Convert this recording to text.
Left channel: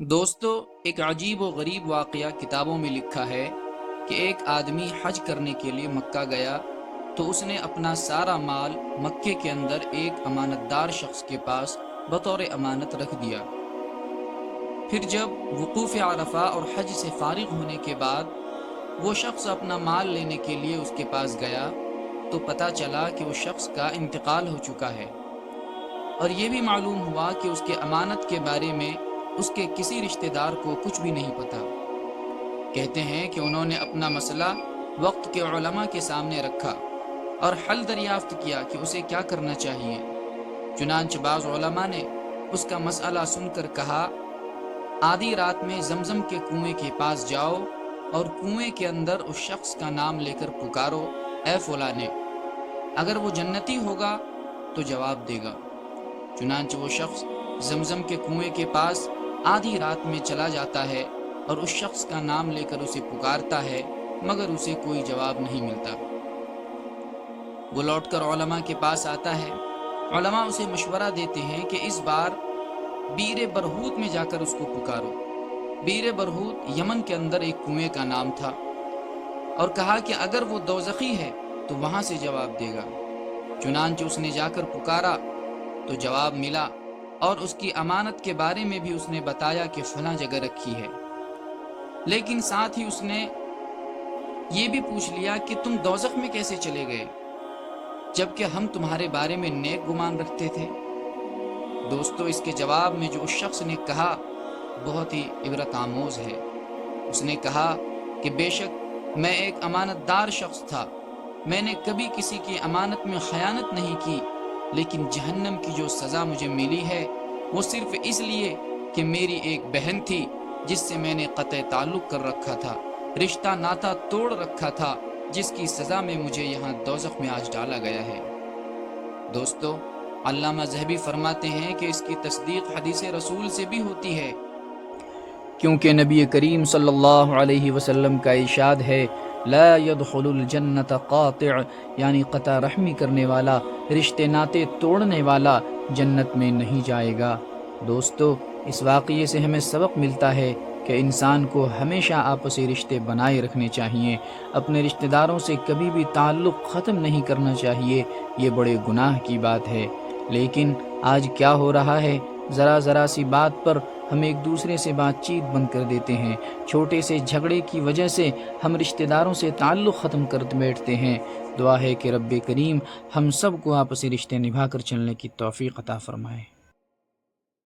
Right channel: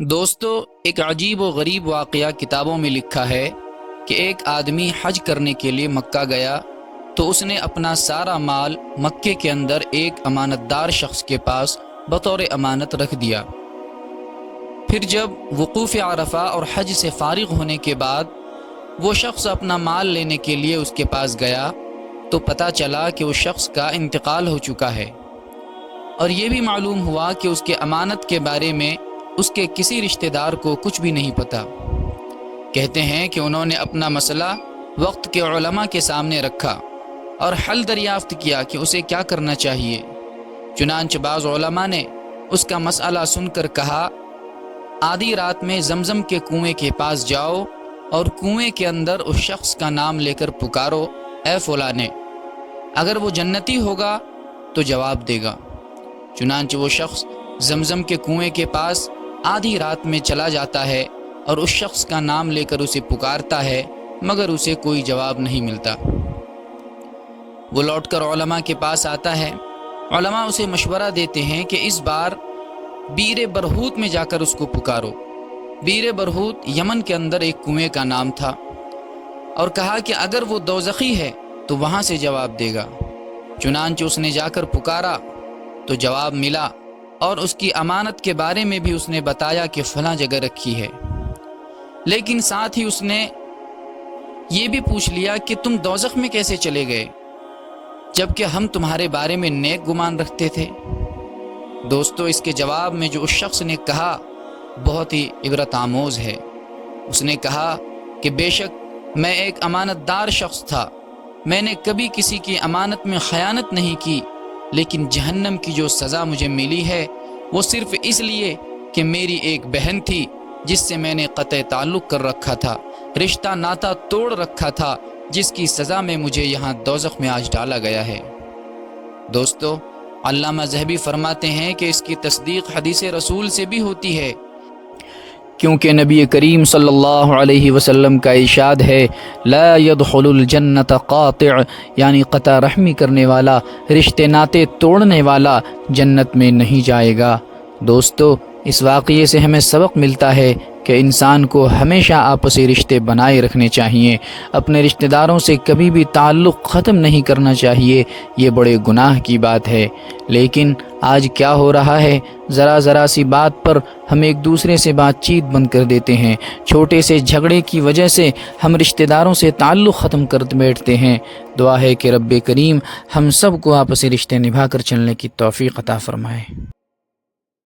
دوستو، ایک عجیب و غریب واقعہ کتابوں میں لکھا ہے کہ ایک آدمی حج کرنے کے لیے مکہ گیا تو اس نے اپنا سارا مال مکے کے اندر ایک امانت دار شخص کے پاس بطور امانت رکھ دیا۔ پھر جب وقوف عرفہ اور حج سے فارغ ہونے کے بعد وہ شخص اپنا مال لینے کے لیے اس کے پاس گیا تو پتہ چلا کہ اس شخص کا انتقال ہو چکا ہے، اور یہ بھی معلوم ہوا کہ اس کے امانت کے بارے میں اس کے کسی رشتہ دار کو کچھ بھی نہیں پتا۔ کہتے ہیں کہ انہوں نے اپنا مسئلہ وقت کے علماء کے سامنے رکھا اور حل دریافت کیا کہ اسے کیا کرنا چاہیے۔ چنانچہ بعض علماء نے اس کا مسئلہ سن کر کہا، آدھی رات میں زمزم کے کنویں کے پاس جاؤ اور کنویں کے اندر اس شخص کا نام لے کر پکارو، اے فلاں، اگر وہ جنتی ہوگا تو جواب دے گا۔ چنانچہ وہ شخص زمزم کے کنویں کے پاس آدھی رات میں چلا جاتا ہے اور اس شخص کا نام لے کر اسے پکارتا ہے، مگر اسے کوئی جواب نہیں ملتا۔ وہ لوٹ کر علماء کے پاس آتا ہے۔ علماء اسے مشورہ دیتے ہیں کہ اس بار بیر برہوت میں جا کر اس کو پکارو۔ بیر برہوت یمن کے اندر ایک کنویں کا نام تھا، اور کہا کہ اگر وہ دوزخی ہے تو وہاں سے جواب دے گا۔ چنانچہ اس نے جا کر پکارا تو جواب ملا، اور اس کی امانت کے بارے میں بھی اس نے بتایا کہ فلاں جگہ رکھی ہے، لیکن ساتھ ہی اس نے یہ بھی پوچھ لیا کہ تم دوزخ میں کیسے چلے گئے جبکہ ہم تمہارے بارے میں نیک گمان رکھتے تھے۔ دوستو، اس کے جواب میں جو اس شخص نے کہا بہت ہی عبرت آموز ہے۔ اس نے کہا کہ بے شک میں ایک امانت دار شخص تھا، میں نے کبھی کسی کی امانت میں خیانت نہیں کی، لیکن جہنم کی جو سزا مجھے ملی ہے وہ صرف اس لیے کہ میری ایک بہن تھی جس سے میں نے قطع تعلق کر رکھا تھا، رشتہ ناتا توڑ رکھا تھا، جس کی سزا میں مجھے یہاں دوزخ میں آج ڈالا گیا ہے۔ دوستو، علامہ ذہبی فرماتے ہیں کہ اس کی تصدیق حدیث رسول سے بھی ہوتی ہے، کیونکہ نبی کریم صلی اللہ علیہ وسلم کا ارشاد ہے، لا يدخل الجنت قاطع، یعنی قطع رحمی کرنے والا، رشتے ناتے توڑنے والا جنت میں نہیں جائے گا۔ دوستو، اس واقعے سے ہمیں سبق ملتا ہے کہ انسان کو ہمیشہ آپسی رشتے بنائے رکھنے چاہیے، اپنے رشتہ داروں سے کبھی بھی تعلق ختم نہیں کرنا چاہیے۔ یہ بڑے گناہ کی بات ہے، لیکن آج کیا ہو رہا ہے، ذرا سی بات پر ہم ایک دوسرے سے بات چیت بند کر دیتے ہیں، چھوٹے سے جھگڑے کی وجہ سے ہم رشتہ داروں سے تعلق ختم کر بیٹھتے ہیں۔ دعا ہے کہ رب کریم ہم سب کو آپسی رشتے نبھا کر چلنے کی توفیق عطا فرمائے۔